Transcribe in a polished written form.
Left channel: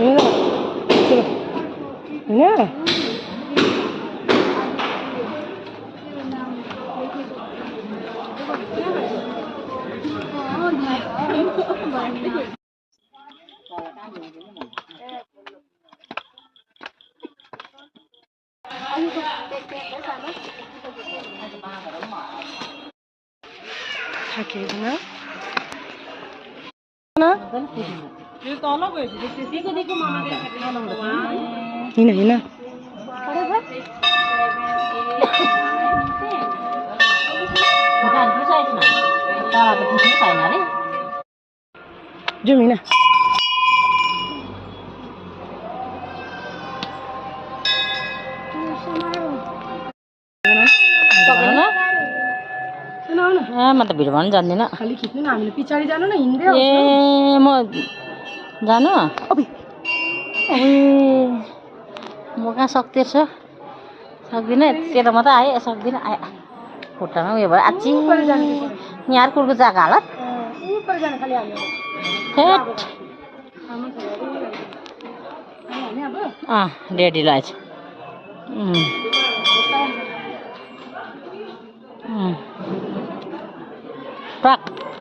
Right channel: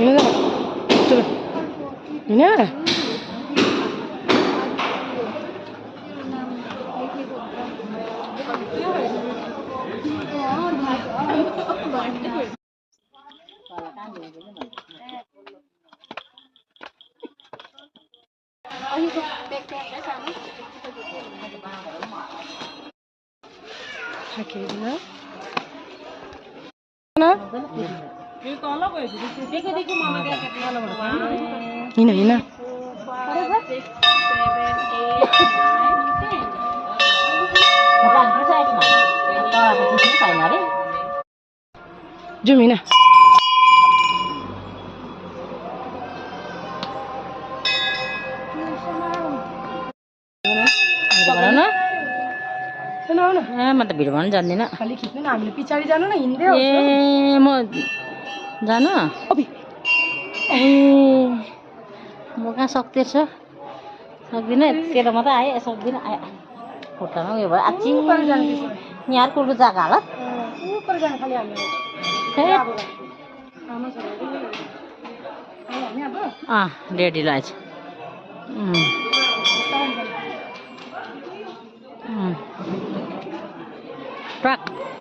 होइन थाकेको हिँड हिँड जाउँ हिँड म त भिड भन्नु जान्दिनँ खाली खिच्नु न हामीले पछाडि जानु न हिँड्दै ए म जानु म कहाँ सक्दिनँ यतिखेर मात्रै आएँ सक्दिनँ आयो खुट्टामा उयो भयो आची यहाँ कुर्को जग्गा होला रेडी लाइट ट्रक